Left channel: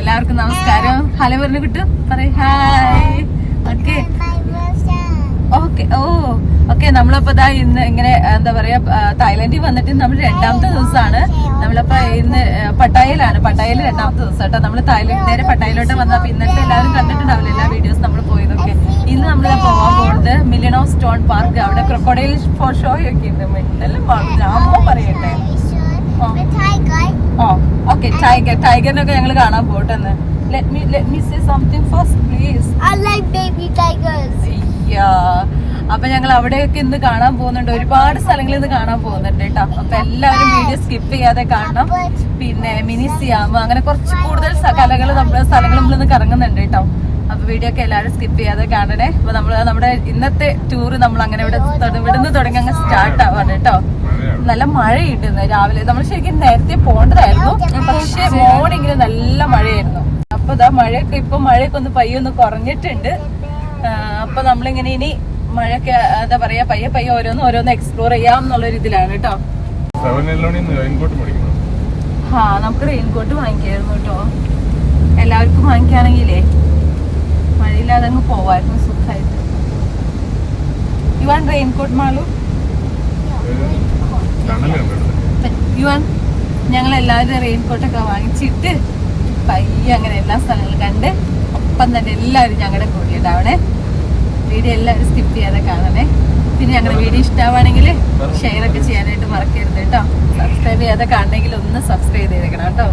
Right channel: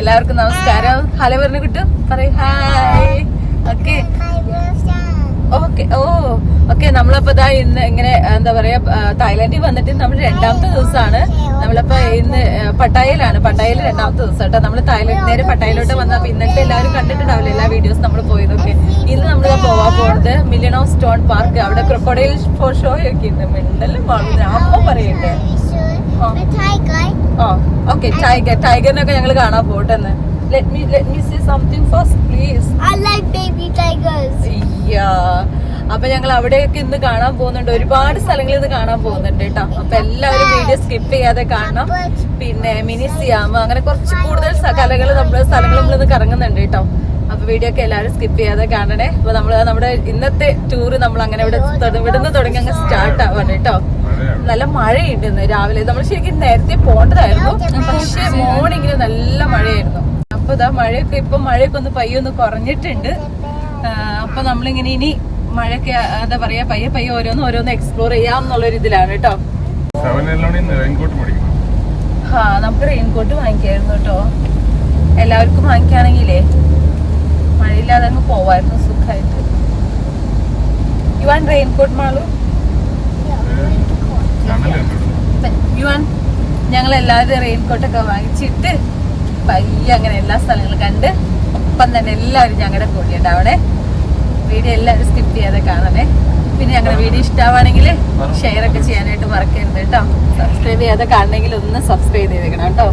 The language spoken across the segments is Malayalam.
എല്ലാവർക്കും നമസ്കാരം. ഹലോ പറഞ്ഞു കിട്ടും പറയും ഹായ്. ഓക്കെ ഓക്കെ ഓക്കെ നമ്മളിപ്പോ ഇതാ ഇന്ന് ഇങ്ങനെ എന്താ പറയാ തായ്ലൻഡിൽ വന്നിട്ട് നമ്മൾ രണ്ടാമത്തെ ദിവസമാണ്. നമ്മളിപ്പോ ഇന്ന് പട്ടായയിൽ രണ്ടാമത്തെ ദിവസം കേട്ടോ. നമ്മൾ നേരെ പട്ടായയിലോട്ട് വന്നപ്പോ ഇന്നത്തെ എല്ലാവരും കണ്ടിട്ടുണ്ടാവില്ല എല്ലാ വീഡിയോസ് നമ്മൾ പോയതൊക്കെ. ഇന്ന് നമ്മളിതാ പോവാൻ പോകുന്നത് മില്യൺ ഓഫ് സ്റ്റോൺ പാർക്ക്. അവിടെ ക്രൊക്കോഡൈൽ ഷോ ഒക്കെ ഉണ്ട്. മിണ്ടലും അമ്മ പറയട്ടെ. ഓക്കെ ടൈഗറിനൊക്കെ ഞങ്ങൾ കാണാൻ പോട്ടെന്ന്. Let me say something first, please. I like baby tigers. അപ്പൊ ഞങ്ങൾ അവിടെയൊക്കെ ഇന്ന് കാണാൻ പോകുന്നുണ്ട്. ഒരുപാട് സ്ഥലങ്ങളിൽ ഇന്ന് കാണാൻ പോകുന്നുണ്ട് കേട്ടോ. അപ്പൊ എല്ലാവരും വീഡിയോ സ്കിപ്പ് ചെയ്യാതെ കാണണം. പിന്നെ മിനി സിയാം അങ്ങനെ കുറച്ച് കൂടുതൽ സ്ഥലങ്ങൾ നമ്മളിന്ന് കറങ്ങുന്നുണ്ട് കേട്ടോ. അപ്പൊ വീഡിയോ ഒക്കെ എല്ലാവരും സ്കിപ്പ് ചെയ്യാതെ കാണണേ. അപ്പൊ നമ്മുടെ ഇന്നത്തെ ടൂർ നമ്മൾ അങ്ങനെ ഇവിടുന്ന് തുടങ്ങി അങ്ങ് സ്റ്റാർട്ട് ആവാണ് കേട്ടോ. നല്ല മഴയുണ്ട് ഇന്ന് രാവിലെ. നമ്മൾ ശരിക്കും നേരത്തെ പോകേണ്ടതായിരുന്നു, പക്ഷെ മോർണിംഗിൽ നല്ല മഴയായിരുന്നു. അപ്പൊ ഇതാ മഴയൊക്കെ ഒന്ന് പയ്യൊന്ന് കുറഞ്ഞിട്ടുണ്ട്. അപ്പൊ നമ്മളിങ്ങനെ ഇനി മഴയൊക്കെ എന്താ പറയാ പയ്യെ ഓരോന്ന് എക്സ്പ്ലോർ ചെയ്യാം എന്നുള്ളൊരു ഇതിലാണ് കേട്ടോ. നമുക്ക് റെയിൻകോട്ട് വാങ്ങിക്കായിരുന്നു കേട്ടോ. എല്ലാവർക്കും വാങ്ങിക്കുകയാണെങ്കിലേ മഴയില്ലാതെ അങ്ങ് പോവായിരുന്നു സുഖമായിട്ട്. യുവാൻ റെയിൻകോട്ട് മാളു യുവാൻ ഞങ്ങൾ എല്ലാവരും റെയിൻകോട്ടൊക്കെ വാങ്ങിച്ചിട്ട് പയ്യെ അങ്ങനെ എല്ലാ സ്ഥലങ്ങളും കണ്ട് ഒപ്പം തന്നെ എല്ലാവരും ഞങ്ങളുടെ കൂടെ ഉണ്ടാവണേ. വീഡിയോ എല്ലാവരും സ്കിപ്പ് ചെയ്യാതെ കാണണേ. പിന്നെ ഞങ്ങളുടെ വീഡിയോ ഇഷ്ടമാണെങ്കിൽ ഷെയർ ഒക്കെ ചെയ്യാനായിട്ട് മറക്കരുത് കേട്ടോ. സബ്സ്ക്രൈബ് ചെയ്യാതെ കാണണമെങ്കിൽ ഒന്ന് സബ്സ്ക്രൈബ് ചെയ്തേക്കണം കേട്ടോ.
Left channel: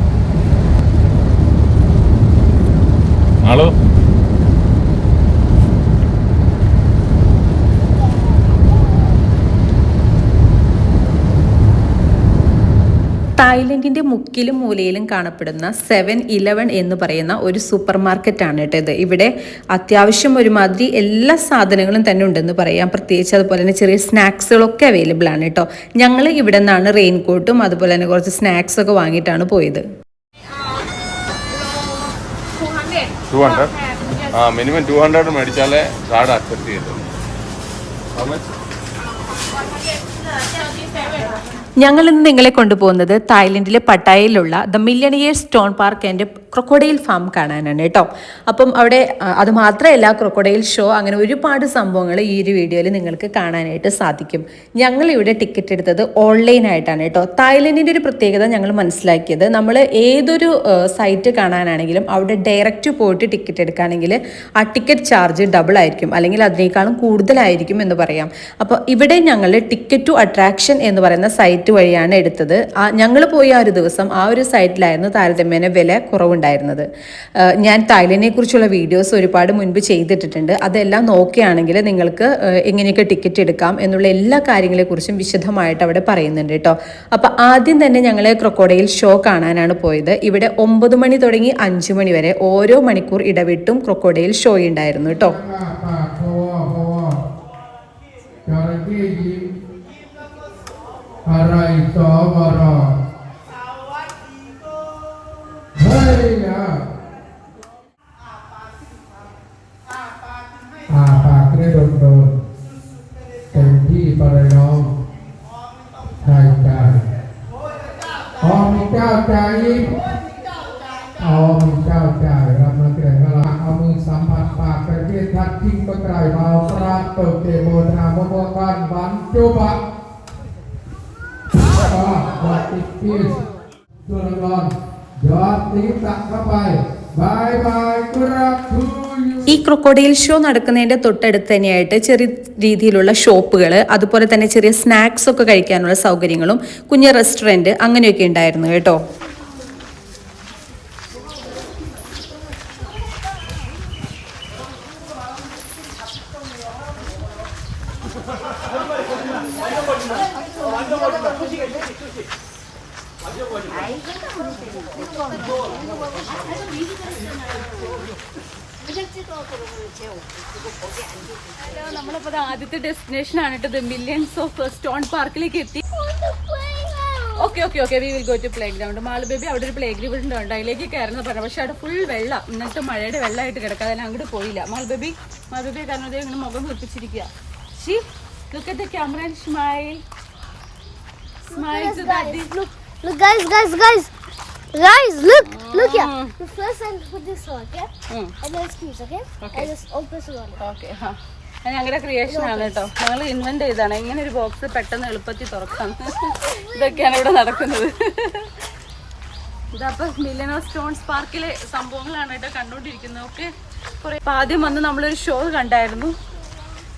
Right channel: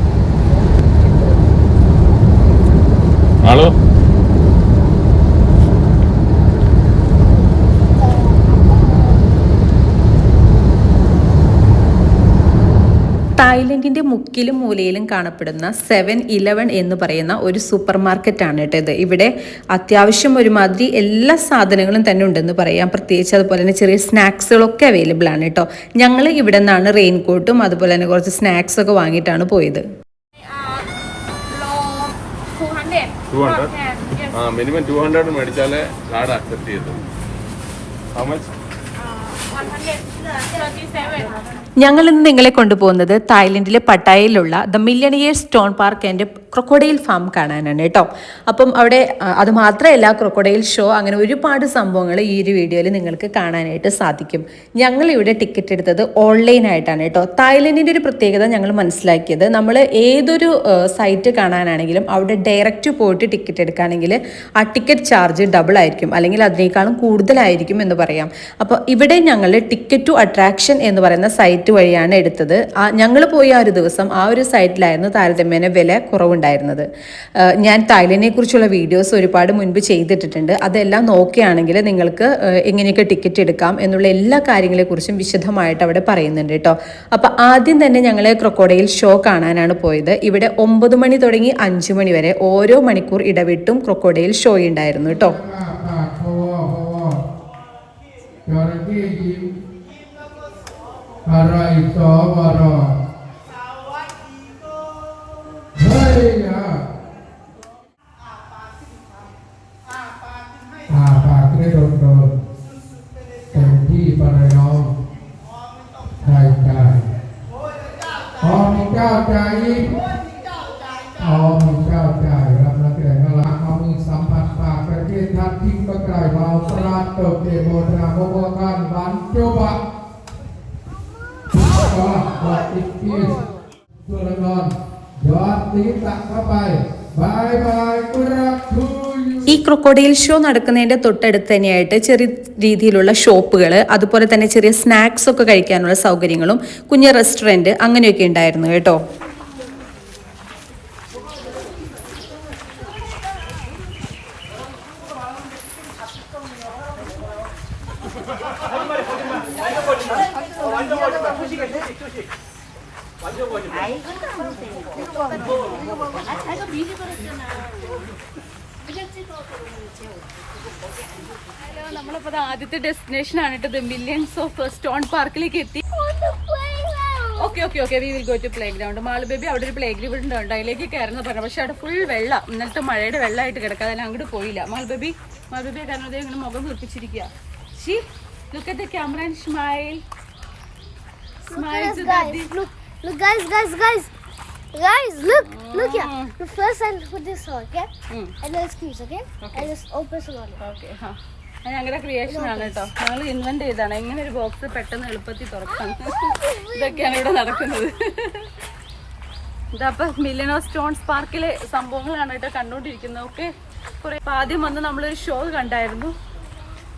തായ്ലൻഡിന്റെ മുക്കിലും മൂലയിലും കാണപ്പെടുന്ന 7-Eleven എന്ന് പറയുന്ന ഒരു സൂപ്പർ മാർക്കറ്റാണ് കേട്ടോ ഇത്. ഇവിടെ അത്യാവശ്യം ഒരുമാതിരി എല്ലാ സാധനങ്ങളും തന്നെ ഉണ്ടെന്ന് പറയാം. പ്രത്യേകിച്ച് അതുപോലെ തന്നെ ചെറിയ സ്നാക്സുകളൊക്കെ അവൈലബിൾ ആണ് കേട്ടോ. ഞങ്ങൾ ഇവിടെ നിന്നാണ് റെയിൻകോട്ടും അതുപോലെ തന്നെ കുറച്ച് സ്നാക്സ് ഒക്കെ വാങ്ങിയിട്ടാണ് പോയത്. മിനിമം 200 മേടിച്ചാലേ കാർഡ് അക്സെപ്റ്റ് ചെയ്തത്. ഞങ്ങൾ ഇന്ന് നിങ്ങളെ കൊണ്ടുപോകുന്നത് തായ്ലൻഡിലെ പട്ടായയിലുള്ള the millionaire stone park and crocodile farm കാണാനാണ് കേട്ടോ. അപ്പം അവിടെ അത് മാത്രമല്ല ക്രൊക്കോഡൈൽ ഷോ അങ്ങനെ ഒരുപാട് സംഭവങ്ങൾ ഈ ഒരു വീഡിയോയിൽ നിങ്ങൾക്ക് കാണാനായിട്ട് സാധിക്കും. ഞങ്ങളിവിടെ ടിക്കറ്റ് എടുത്തത് ഓൺലൈനായിട്ടാണ് കേട്ടോ. തായ്ലൻഡിൻ്റെ ഒരു പ്രത്യേകത ഞങ്ങൾ മനസ്സിലാക്കിയത്, നമ്മൾ ഏതൊരു സൈറ്റ് കാണാനാണെങ്കിലും അവിടെ ഡയറക്റ്റ് പോയിട്ട് ടിക്കറ്റ് എടുക്കുകയാണെങ്കിൽ ആ ടിക്കറ്റ് ചാർജ് ഡബിൾ ആയിരിക്കും, അല്ലെങ്കിൽ അതിനേക്കാളും കൂടുതലായിരിക്കും എന്ന് പറയാം. അപ്പോൾ ഇവിടെ ഞങ്ങൾ ടിക്കറ്റ് ടു അട്രാക്ഷൻ എന്ന് പറയുന്ന സൈറ്റ് വഴിയാണ് എടുത്തത്. ഞങ്ങൾ പോയ ആ ഒരു ദിവസം ആ ഒരു സൈറ്റിലായിരുന്നു താരതമ്യേന വില കുറവുണ്ടായിരുന്നത്. ഞാൻ തായ്ലൻഡിനെ കുറിച്ചുള്ള വീഡിയോസ് ഒരുപാട് മുൻപ് ചെയ്തിട്ടിട്ടുണ്ട്. അതെല്ലാം നോക്കുകയാണെങ്കിൽ നിങ്ങൾക്ക് എങ്ങനെയൊക്കെ ടിക്കറ്റ് എടുക്കാം എന്നുള്ള എല്ലാ കാര്യങ്ങളെക്കുറിച്ചും വിശദമായിട്ട് അവിടെ പറയുന്നുണ്ട് കേട്ടോ. അപ്പോൾ ആദ്യം തന്നെ ഞങ്ങൾ ക്രൊക്കോഡൈൽ ഷോ കാണാനാണ് പോയത്. ഇവിടെ 9 മണി തുടങ്ങി 5 മണി വരെ ഓരോ മണിക്കൂർ ഇടവിട്ടും ക്രൊക്കോഡൈൽ ഷോ ഉണ്ടായിരുന്നു കേട്ടോ. ഈ ക്രൊക്കോഡൈൽ ഷോ നടക്കുന്നതിന്റെ തൊട്ടടുത്ത് തന്നെയായിട്ട് ചെറിയ രീതിയിലുള്ള ഷോപ്പുകൾ, അതുപോലെ തന്നെ ചെറിയ സ്നാക്സ് ഒക്കെ കഴിക്കാനുള്ള സൗകര്യങ്ങളും കുഞ്ഞ് റെസ്റ്റോറൻറ്റ് അങ്ങനെയൊക്കെ ഉണ്ടായിരുന്നു കേട്ടോ. നമ്മളിപ്പോ ആദ്യത്തെ ഡെസ്റ്റിനേഷൻ ആണ് കേട്ടത്. മില്യൺസ് ഓഫ് സ്റ്റോൺ പാർക്കിലേക്ക് എത്തി. Okay we will go to playground. Malu baby അവിടെ ഒരു പ്ലേ ഗ്രൗണ്ട് ഉണ്ട്, അതിലേക്ക് കയറുന്ന പറഞ്ഞു. പക്ഷെ അവിടെ ഫുൾ വെള്ളം, ഇന്നത്തെ മഴയുടെ വെള്ളമായിട്ട് കിടക്കാതെ അങ്ങോട്ട് പോയില്ല. മാളു ബേബി കാരണം അതേ ഇങ്ങനെ മുഖം വീർപ്പിച്ചിരിക്കുക. Look at the camera and smile. Smile to daddy. Look guys. Guys, look here. First I put this on, okay? And then squeeze, okay? And just open it on it. Okay ഞങ്ങളുടെ ക്രിയേഷൻ ആണ് കേട്ടോ. ഞങ്ങൾ ഇൻവെന്റ് ചെയ്താണ് ഇങ്ങനെ ഒരു ബോക്സ് പെട്ടെന്ന് എളുപ്പത്തിൽ തുറക്കാം. ഇതൊക്കെയാണ് ഇവിടെ നടക്കുന്നത്. ഇതപ്പൊ മില്യനർ സ്റ്റോൺസ് പാർക്കിലെ സംഭവങ്ങളാണ് കേട്ടോ കണ്ടോണ്ടിരിക്കുന്നത്. ഒക്കെ കുറെ ആദ്യം വന്ന് നമ്മളൊരു ഷോ കണ്ടായിരുന്നു.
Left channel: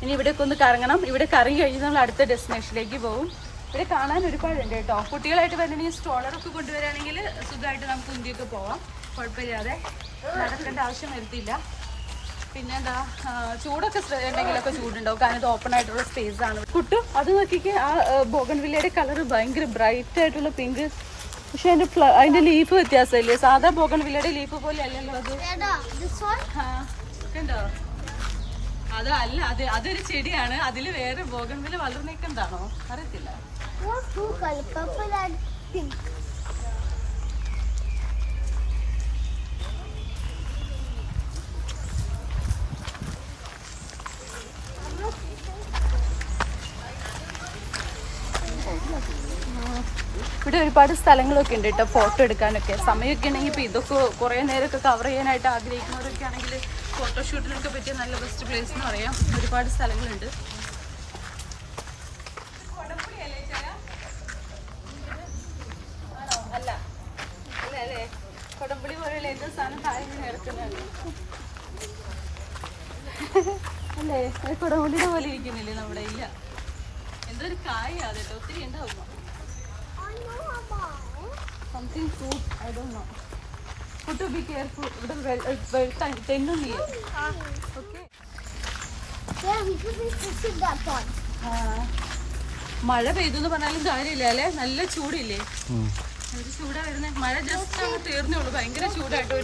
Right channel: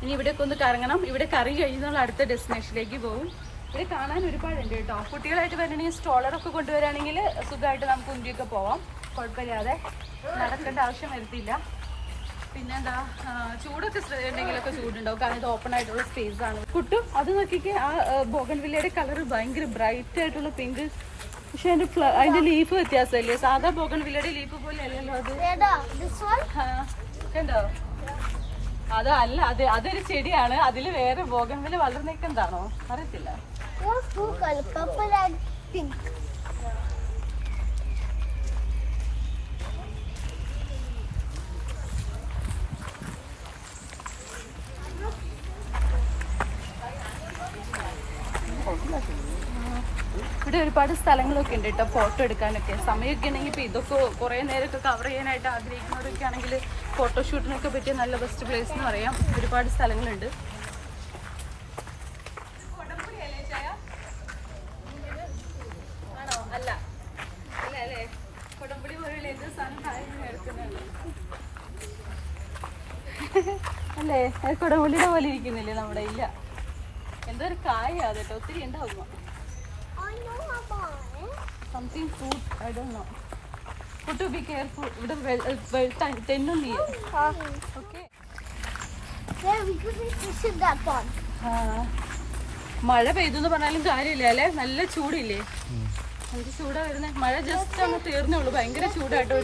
ഇനി ഇവിടേക്ക് ഒന്ന് കറങ്ങണം. ഇവിടെ കറങ്ങി കഴിഞ്ഞ് നമ്മൾ അടുത്ത ഡെസ്റ്റിനേഷനിലേക്ക് പോകും. ഇവിടെ കാണാൻ ഒരുപാടുണ്ട് കേട്ടോ. കുട്ടികളായിട്ട് വരണമെങ്കിൽ സ്ട്രോളറൊക്കെ കൊണ്ടുവരാണെങ്കിൽ സുഖമായിട്ട് നമുക്ക് ഉന്തിയൊക്കെ പോവാം, കുഴപ്പമില്ലാതെ നടക്കേണ്ട ആവശ്യം വരുത്തില്ല. പിന്നെ എന്താ ചൂടൊക്കെ ഉണ്ടെങ്കിലൊക്കെ ചൂടുണ്ടാവും, കാരണം ഇത് ഓപ്പൺ ആയിട്ടുള്ള സ്പേസ് ആണ്. കുട്ടും അത് നോക്കിക്ക് ആ ബോഗൺവില്ലയുടെ കളർ ഭയങ്കര ബ്രൈറ്റ് ആയിട്ടുള്ള പിങ്ക്. പക്ഷെ അതിന്റെ ലീഫ് വ്യത്യാസമില്ലേ, സാധാ ബോഗൺവില്ലയുടെ ലീഫ് പോലെ അല്ലല്ലോ അത്. This one? കണ്ടോ, അതല്ല, അതൊരു ചെടിയാണ്. അതില് വേറെ ബോഗൺവില്ല വളർന്നേക്കെന്താണോ അറിയത്തില്ല. There's two colors, purple and pink. ഇവിടെ ഒരുപാട് സ്ഥലങ്ങളൊക്കെ ഉണ്ട് കേട്ടോ ഫോട്ടോ എടുക്കാനൊക്കെ. സമയമൊക്കെ ഉണ്ടെങ്കിൽ ഇപ്പോൾ ഇതൊക്കെ കുറേ നേരമൊക്കെ കവർ ചെയ്യാനായിട്ട് ആഗ്രഹിക്കുന്നവരൊക്കെ ആണെങ്കിൽ ഫോട്ടോഷൂട്ടിനൊക്കെ പറ്റിയ നല്ല ബെസ്റ്റ് പ്ലേസ് എന്ന് പറയാം. ഒരുപാട് സ്ഥലങ്ങളുണ്ട്. അല്ല അല്ലേ, കൊടംപുളി പോലെയുള്ള എന്ത് സാധനം താഴെ കിടക്കുന്നതല്ലേ അല്ലേ? അത് കൊടംപുളിയുടെ പോലെ ഇരിക്കുന്നില്ലേ നമ്മുടെ? ഇല്ല, എന്തോ ഒരു കായ അതൊക്കെ ഒത്തിരി ഉണ്ടാവും. Something food, I don't know. But to be careful. ഇവിടെ തെന്നും നീ. Okay. There we could be fishing that one. മഴ പെയ്തെന്ന് പറഞ്ഞാലും കാര്യമില്ല അല്ലേ, നല്ല ചൂടില്ലേ? എന്ത് ചൂടാ വരുന്നത്. മഴ ജസ്റ്റ് അങ്ങ് തീർന്നുള്ളൂ. ഭയങ്കര ചൂടായിട്ടോ,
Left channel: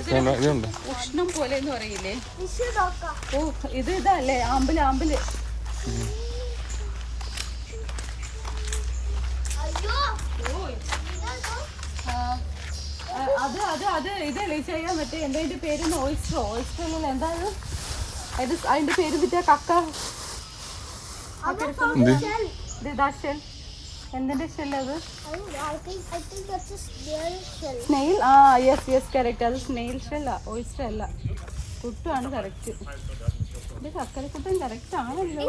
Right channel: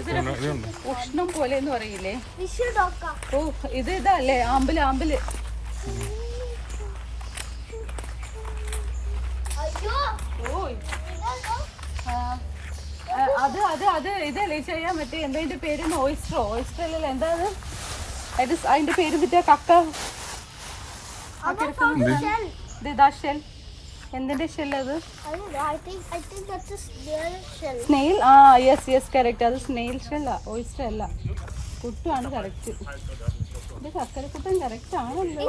ഉഷ്ണം പോലെ എന്ന് പറയില്ലേ. ഓ ഇതല്ലേ ആമ്പല്. അത് ഇതല്ലേ ചെയ്യാൻ പറ്റേ. എന്താ അതിന്റെ പേര്? ഓയിസ്റ്റർ അല്ലല്ലോ, എന്താ അതിന്റെ പേര് പറ്റിയ കക്ക. എന്തിന്റെ ഷെല്ല് അത്? സ്നെയിൽ. ആ യെസ് കറക്റ്റ്, അത് സ്നെയിൽ ഷെല്ലാ, ഓയിസ്റ്റർ അല്ല. കുട്ടാണ് കറക്റ്റ്. ഇത് കക്കരക്കുട്ടൻ കറക്റ്റ് ആണല്ലോ.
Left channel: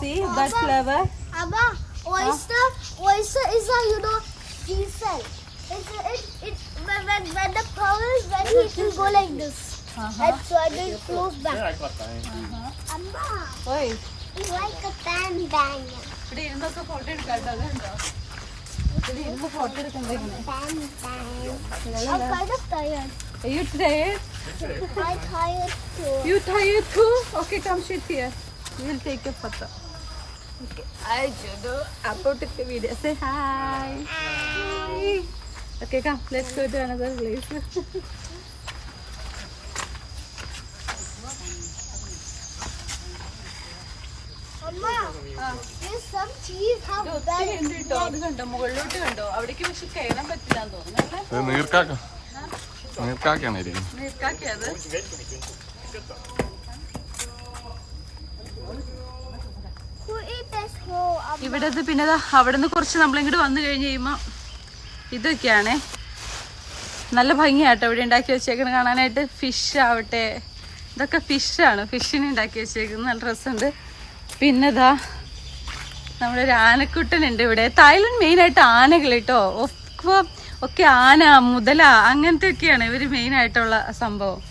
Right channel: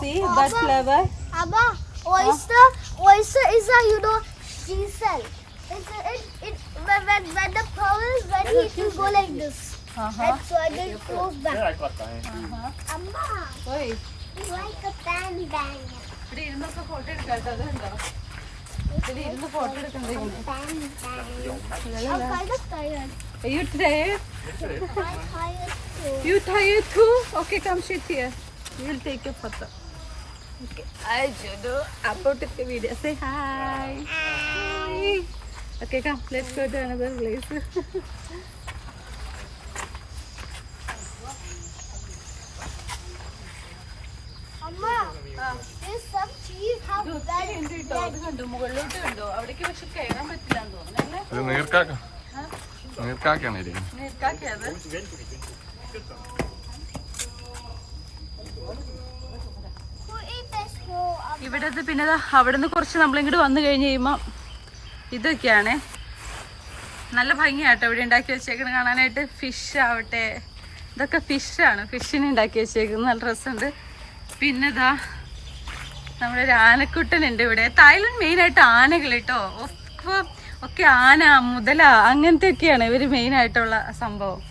See that flavor? Abba, oyster is a ginseng. When the pearl is ready, it will go like this. And so it will close back. Amma, ഓയ് it's like a bang. ഇത് ഇരുന്നൊക്കെ ഫോട്ടോ എടുക്കാട്ടോ. അതുണ്ടോ ഇത് ഇരുന്ന് ഫോട്ടോ എടുക്കണ്ടേ? Bang. I'm kind of tired. Are you tired? I'm tired too. You tired too? Okay, come sit here. We will take a photo. Okay. Hi, Judo. About the video. Say hi. Hi. Okay, come. Let's go to another place. Amma, there's some cheese. How bad is it? മുകളിലോട്ട് കണ്ടോ? അവിടേക്ക് പക്ഷെ കയറാൻ പറ്റില്ലാന്ന് തോന്നുന്നു അല്ലേ? നീർക്കാക്കാണ് ഇരിക്കുന്നത്. നീർക്കാക്കിയത്. Who ate this whole? ഇവിടെ പിന്നെ അവിടെ നിന്ന് കുറച്ച് നമ്മളിങ്ങോട്ട് വന്നു കഴിഞ്ഞ് കഴിയുമ്പോൾ ഇതൊക്കെയാണ് നല്ല ഭംഗിയാട്ടോ ഇവിടെ ഉണ്ടാക്കി വെച്ചേക്കുന്നത് കാണാനായിട്ട്. ഫിഷ് ആവട്ടെ, ഇതൊക്കെ ഫിഷാണ്. ഫിഷിനെ ഉണ്ടാക്കി വെച്ചേക്കുന്നത് നല്ല രസമുണ്ട്. പിന്നെ ഇതാ നമ്മുടെ ഒരു ആനക്കുട്ടനുണ്ട് ഇവിടെ. തായ്ലൻഡ് മെയിനായിട്ട് ആനകൾ കേട്ടോ. ഒക്കെ ആന, മുതല, അങ്ങനത്തെ ഒക്കെയാണ് ഇവർ മെയിനായിട്ടുള്ള സംഭവം.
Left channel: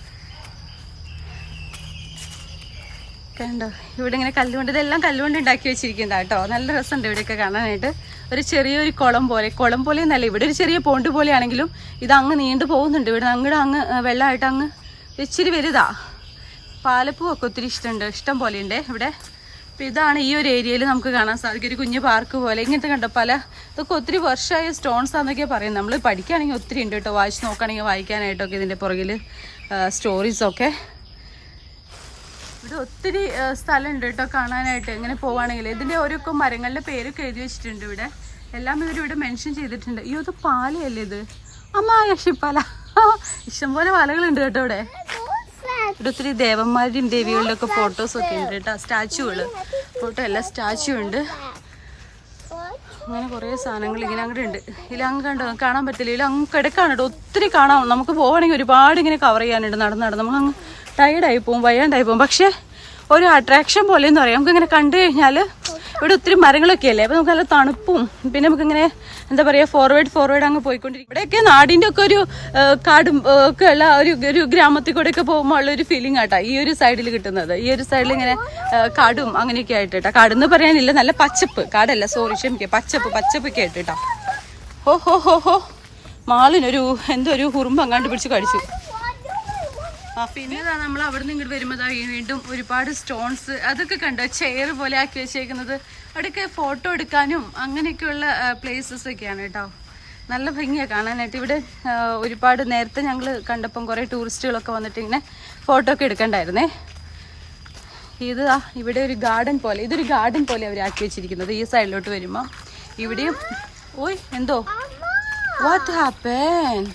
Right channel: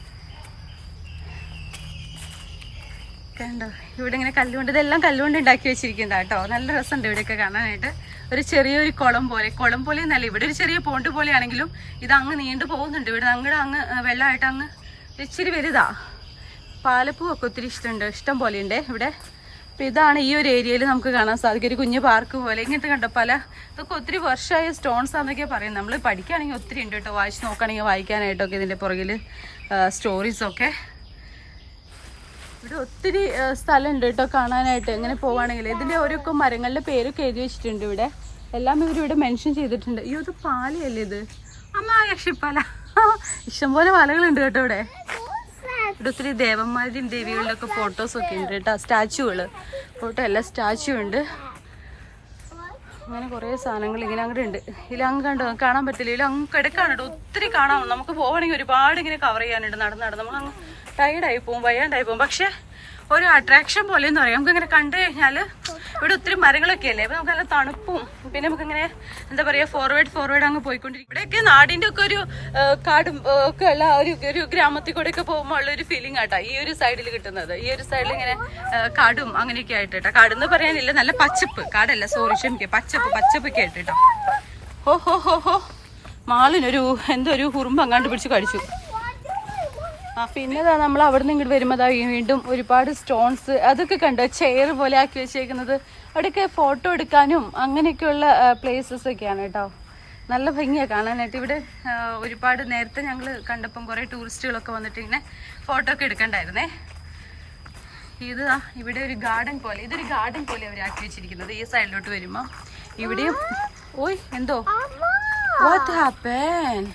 കണ്ടോ ഇവിടെ ഇങ്ങനെ കല്ലുകൊണ്ട്, ഇതെല്ലാം കല്ലുകൊണ്ട് ഉണ്ടാക്കി വെച്ചിരിക്കുന്നത് കേട്ടോ. നല്ല രസമുണ്ട് ഇവിടെയൊക്കെ കാണാനായിട്ട്. ഒരു ചെറിയൊരു കുളം പോലെ എന്നല്ല, ഇവിടെ ഒരു ചെറിയ പോണ്ട് പോലെയാണെങ്കിലും ഇത് അങ്ങ് നീണ്ടു പോകുന്നുണ്ട്. ഇവിടെ അങ്ങ് വെള്ളമായിട്ട് അങ്ങ് ഇച്ചിരി വലുതാ. പാലപ്പൂവൊക്കെ ഒത്തിരി ഇഷ്ടം പോലെ ഉണ്ട് ഇവിടെ. അപ്പോൾ ഇതാണ് ഈ ഒരു ഏരിയയിൽ നമുക്ക് കാണാൻ സാധിക്കും, ഒരു കുഞ്ഞു പാർക്ക് പോലെ. ഇങ്ങനത്തെ കണ്ടോ ഇതൊക്കെ ഒത്തിരി വർഷമായ സ്റ്റോൺസ് ആണെന്നൊക്കെ പറയുന്നത്. നമ്മൾ പഠിക്കുകയാണെങ്കിൽ ഒത്തിരി ഉണ്ട് കേട്ടോ, വായിച്ച് നോക്കുകയാണെങ്കിൽ വായിക്കാനായിട്ടൊക്കെ ഇതിൻ്റെ പുറകിൽ സ്റ്റോറീസൊക്കെ. ഇവിടെ ഒത്തിരി സ്ഥലമുണ്ട് കേട്ടോ കാണാനായിട്ട്. ഇങ്ങനെ പോവുകയാണെങ്കിൽ ഇതിൻ്റെ ഓരോക്കെ മരങ്ങളുടെ പേരൊക്കെ എഴുതി വെച്ചിട്ടുണ്ട് ഇവിടെ. എല്ലാം ഇവരിവിടെ മെൻഷൻ ചെയ്തിട്ടുണ്ട്. അയ്യോ ഇത് പാലയല്ലേ ഇത്? അമ്മ യക്ഷിപ്പാല. ഇഷ്ടംപോലെ പാലകളുണ്ട് കേട്ടോ ഇവിടെ. ഇവിടെ ഒത്തിരി ദേവന്മാരുടെയും ദേവികളുടെ ഒക്കെ ഫോട്ടോസൊക്കെ ഉണ്ട് കേട്ടോ. സ്റ്റാച്ചുകൾ, ഫോട്ടോ എല്ലാം സ്റ്റാച്ചു ഉണ്ട്. അങ്ങനെ കുറേ സാധനങ്ങൾ ഇങ്ങനെ അങ്ങോട്ട് ഉണ്ട്. ഇതിലങ്ങ് കണ്ടോ, കാണാൻ പറ്റില്ല. ഇതിലങ്ങ് കിടക്കാണ് കേട്ടോ, ഒത്തിരി കാണാം. നമുക്ക് പോകണമെങ്കിൽ ഒരുപാട് ഇങ്ങനെ കവർ ചെയ്യാനുണ്ട്. നടന്ന് നമുക്ക് അങ്ങ് ടയർഡായി പോകും, വയ്യാണ്ടായി പോകും. പക്ഷേ ഒരു അട്രാക്ഷൻ പോലെ എന്ന് പറയാം. നമുക്കിങ്ങനെ കണ്ടു കഴിഞ്ഞാൽ ഇവിടെ ഒത്തിരി മരങ്ങളൊക്കെ അല്ലേ, അപ്പോൾ നമുക്ക് നല്ല തണുപ്പും പിന്നെ നമുക്കിങ്ങനെ എന്താ പറയുക ഫോർവേഡ് അങ്ങ് പോയിക്കൊണ്ടിരിക്കും. ഇവിടെയൊക്കെ നാടിൻ്റെ ഒക്കെ ഒരു കാടും ഒക്കെ ഉള്ള ഒരു ഗ്രാമത്തിൽ കൂടെ ഒക്കെ പോകുമ്പോൾ ഉള്ള ഒരു ഫീലിംഗ് ആട്ടാ ഈ ഒരു സൈഡിൽ കിട്ടുന്നത്. ഈ ഒരു സൈഡിൽ ഇങ്ങനെ കാടും അങ്ങനെയൊക്കെ ആയിട്ട് കേട്ടോ. കാടെന്ന് പറയാനില്ല, നല്ല പച്ചപ്പ്. കാടല്ല, സോറി, ക്ഷമിക്കുക, പച്ചപ്പൊക്കെ ആയിട്ട് കേട്ടോ. ഹോ മാളിനൊരു എന്തോ ഒരു ഉറുമ്പ് അങ്ങാണ്ട് പിടിച്ച് കടിച്ചു. പിന്നെ നമ്മൾ അവിടെ നിന്ന് ഇങ്ങോട്ട് വരുമ്പോൾ വീണ്ടും ഒരുപാട് സ്റ്റോൺസ് അതൊക്കെ കണ്ടോ, ചെയർ പോലെ ആക്കി വെച്ചേക്കുന്നത്. അവിടെയൊക്കെ ഫോട്ടോ എടുക്കാനും അങ്ങനെയൊക്കെയുള്ള പ്ലേസസ് ഒക്കെയാണ് കേട്ടോ. നല്ല ഭംഗിയാണ് കാണാനായിട്ട്. ഇവിടെ ഒരുപാട് നേരത്തെ ഞങ്ങൾ കണ്ടപ്പം കുറേ ടൂറിസ്റ്റുകളൊക്കെ വന്നിട്ട് ഇങ്ങനെ ഫോട്ടോ ഒക്കെ എടുക്കണ്ടായിരുന്നേ. ഇത് ഇവിടെ ഒരു ഗാർഡൻ പോലെ, ഇതൊരു ഗാർഡൻ പോലെ അവർ ആക്കി വെച്ചിരിക്കുന്നത്. ഈ സൈഡിലോട്ട് വരുമ്പോൾ ഇവിടെയും ഓയ് എന്തോ വാട്ട് ഹാപ്പൻ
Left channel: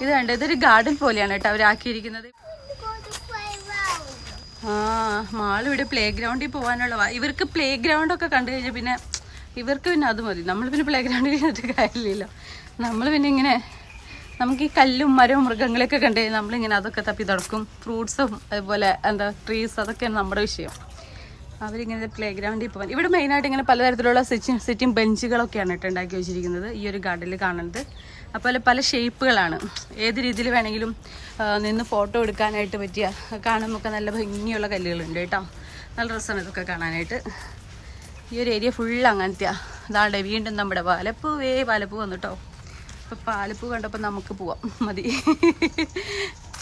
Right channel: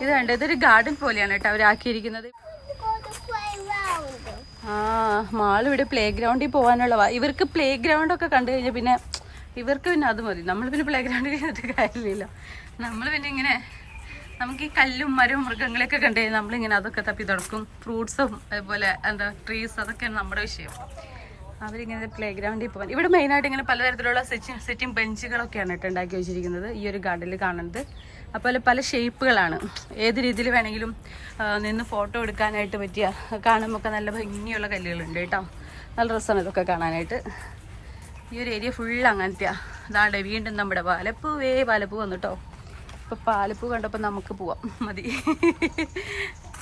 ഇത് കണ്ടോ, ഇതൊരു ഗാർഡൻ പോലെയാണ് കേട്ടോ അവരാക്കിയിരിക്കുന്നത്. മാൾ ഇവിടെ പ്ലേ ഗ്രൗണ്ടിൽ പോകാനുള്ള ഇവർക്ക് പ്ലേ ഗ്രൗണ്ടൊക്കെ കണ്ടു കഴിഞ്ഞാൽ പിന്നെ ഇവർക്ക് പിന്നെ അത് മതി. നമ്മൾ പിന്നെ പ്ലേ ഗ്രൗണ്ടിൽ ഇരുന്നിട്ട് കാര്യമില്ലല്ലോ. നമ്മൾ പിന്നെ ഇങ്ങനെ നമുക്ക് ഈ കല്ലും മരവും മൃഗങ്ങളെയൊക്കെ കണ്ടു കഴിഞ്ഞാൽ നമ്മളിങ്ങനെ അതൊക്കെ തപ്പി നടക്കും. ഫ്രൂട്ട്സും അതുപോലെ എന്താ ട്രീസ്, അതൊക്കെയാണ് നമ്മുടെ വിഷയം. അവരിങ്ങനെ പ്ലേ ഗ്രൗണ്ടിൽ പോകാൻ ഇവിടെ മെയിനായിട്ട് ഇങ്ങനെ പലതരത്തിലുള്ള സിറ്റിംഗ് ബെഞ്ചുകളൊക്കെയാണ് കേട്ടോ ഉണ്ടാക്കി വെച്ചിരിക്കുന്നത് ഈ ഒരു ഗാർഡനിൽ കാണുന്നത്. അപ്പോൾ പല ഷേപ്പുകളാണ്, ഏത് രീതിയിൽ വേണമെങ്കിലും നിന്ന് ഫോട്ടോ എടുക്കാനായിട്ട് പറ്റിയ, കാണുമ്പോൾ നല്ല ഭംഗിയുള്ള കല്ലുകളുണ്ട് കേട്ടോ. നല്ല രസമാണ് ഇതൊക്കെ കാണാനായിട്ട്. ഈ ഒരു ഏരിയ ഫുള്ള് അങ്ങനത്തെയാണ്. അതാണ്ട് വീണ്ടും നമ്മുടെ പാലപ്പൂ വന്നു കേട്ടോ. അപ്പോൾ പാലപ്പൂ കണ്ടപ്പോൾ നമുക്ക് പോവാം, മതി.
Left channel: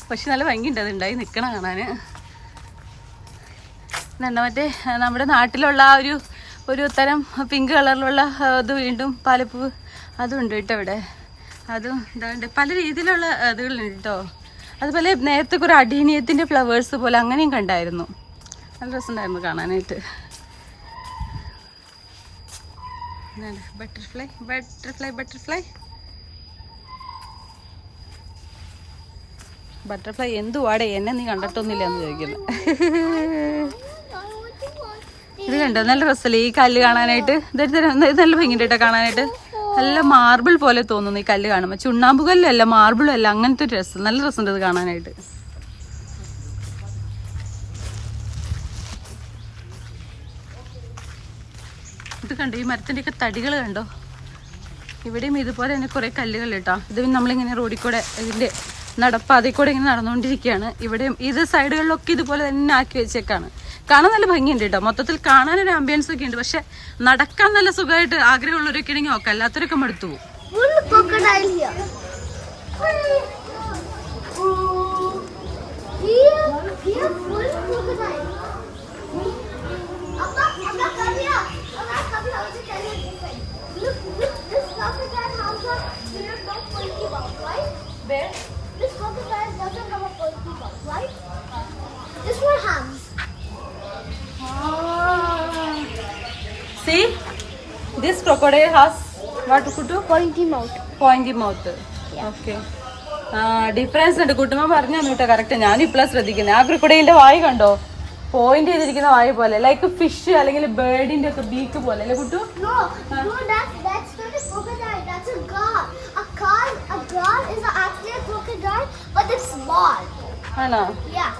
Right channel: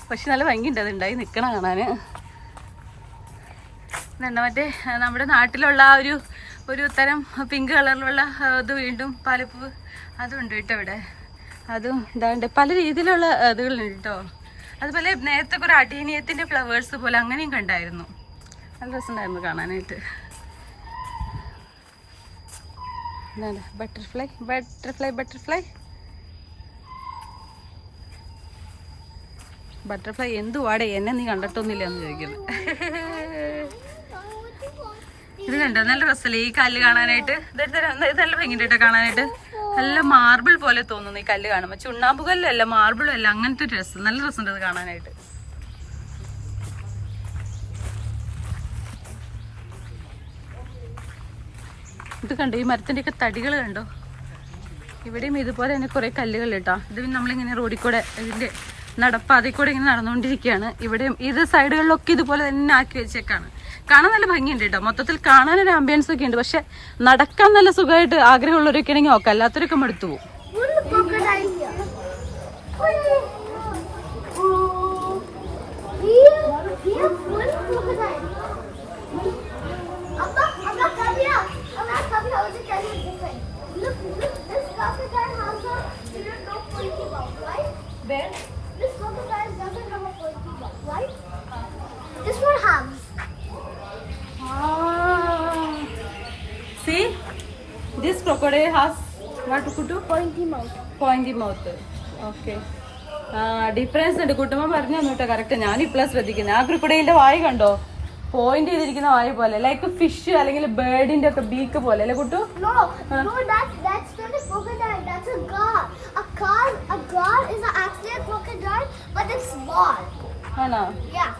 പക്ഷെ നല്ല ഭംഗിയുണ്ട്, അതുണ്ടായി നിൽക്കണം കാണാൻ. മറ്റേ നമ്മുടെ നാട്ടിലുള്ള ആ ഒരു തരം പിങ്ക് കളറിലുള്ള ഇത് വീണ്ടും പാലപ്പൂ അതും ഉണ്ട് കേട്ടോ ഇവിടെ. അതും ഇതാണ്ട് പല രീതിയിലുള്ള ഇതുകളുണ്ട് കേട്ടോ. അതുപോലെ നേരത്തെ കുറേ അടീനിയത്തിൻ്റെ ഫ്ലവേഴ്സ് പോലെ അങ്ങനെയും കണ്ടായിരുന്നു. നല്ല രസമുണ്ടായിരുന്നു കാണാനായിട്ട്. എന്താണ് ബട്ടർഫ്ലൈ എന്തുവാടെ, എന്നെ നീ കണ്ടിട്ടൊന്നുമില്ല എന്ന് ചോദിക്കുന്നു. ഇത് കണ്ടോ, നല്ല രസമല്ലേ ഈ കല്ല് കാണാനായിട്ട്. ഇത് നല്ല ഭംഗിയുണ്ട് കേട്ടോ കാണാനായിട്ട്. നല്ല മാർബിൾ പോലെ തോന്നുന്നു ഈ കല്ല് കാണുമ്പോൾ. ചുണ്ണാമ്പ് കല്ലല്ല, മാർബിളും അല്ല, അങ്ങനത്തെ ഒരു രസം. നല്ല രസമുണ്ട് ഇത് കാണാനായിട്ട്. ഇത് കണ്ടോ, ഈ മരത്തിൻ്റെയൊക്കെ തടികൾ കണ്ടോ. ഇവിടെയും ഇതുപോലെ തന്നെ കുറേ കല്ലുകൾ കേട്ടോ. ഇത് നമ്മളിങ്ങനെ റോഡിൽ കൂടെ ഇതിൻ്റെ നടപ്പാതയിൽ കൂടെ ഇങ്ങനെ നടന്നുകൊണ്ടിരിക്കുകയാണ്. ഇവിടെയും ഇത് സൈഡുകളിലൊക്കെ ഇതുപോലെ തന്നെ ആക്കി വെച്ചേക്കാണ്. കാണാൻ നല്ല ഭംഗിയുണ്ട് കേട്ടോ. മൊത്തത്തിൽ കാണാനൊരു ആംബിയൻസ് ഒക്കെ ഉണ്ട്. പക്ഷെ നടക്കാൻ നല്ല സുഖമായിട്ട് ആഗ്രഹമുള്ളവരൊക്കെ ആണെങ്കിൽ നോക്കാം, അല്ലാത്തവരൊക്കെ മടുത്തു പോകും. See, this crocodile has what Kutu? Pointy mouth. Pointy mouth. Okay. Difference ഉണ്ട്. കുട്ടുമ്മ പറഞ്ഞു തന്നിട്ടോ കറക്റ്റ്. ഞാൻ ഇപ്പോഴാണ് ശ്രദ്ധിക്കുന്നത്. ആ ക്രൊക്കഡൈലിന്റെ വായ കണ്ടോ, പോയിന്റ് ചെയ്തിരിക്കുന്ന വായ പോലെ, ലൈക്ക് ഫിഷ് അല്ലെങ്കിൽ ബേർഡിന്റെ ഒക്കെ ബീക്ക് പോലെ അല്ലേ Kuttu? No, that's not a crocodile. That's a guard. A guard is actually a crocodile, but it's small. ആണോ? Yeah.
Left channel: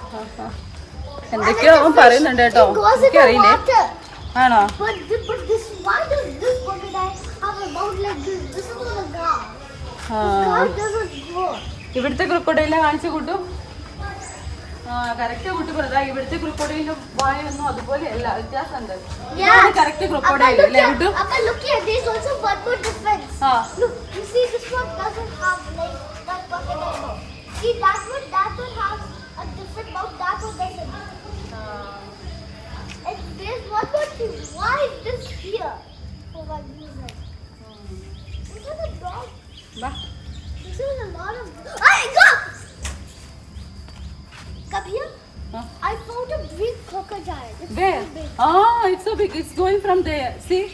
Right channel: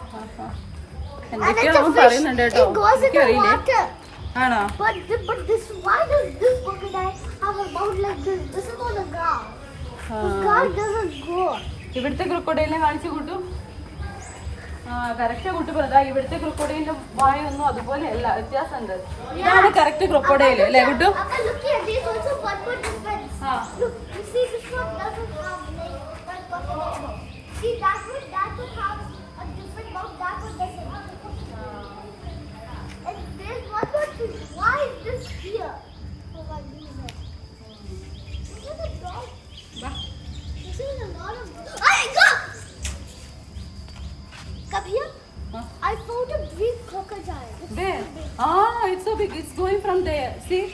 എന്തൊക്കെയോ പറയുന്നുണ്ട് കേട്ടോ, It goes in the water. ആണോ? But why does this crocodile have a mouth like this? This is not a guard. The guard doesn't go. ഇവിടുത്തെ ക്രൊക്കഡൈലിനെ കാണിച്ചു കൂട്ടും. കറക്റ്റാ കുട്ടി പറഞ്ഞാ, ഇവിടുത്തെ ക്രൊക്കഡൈലിന്റെ വായൊന്നും അതുപോലെ അല്ല, വ്യത്യാസമുണ്ട്. ഇതാണ് കറക്റ്റ് ക്രൊക്കഡൈൽ അല്ലേ Kuttu? Look here, there's also one more difference. Look, you see this one doesn't have like that crocodile mouth. See that one has a different mouth. That one doesn't. And there's one more thing. Why is this here? For one reason. This is a dog. This is a lot of. Hey, go! Come here. I found a big crocodile. It's There. so big. It's so big. It's going from there. See?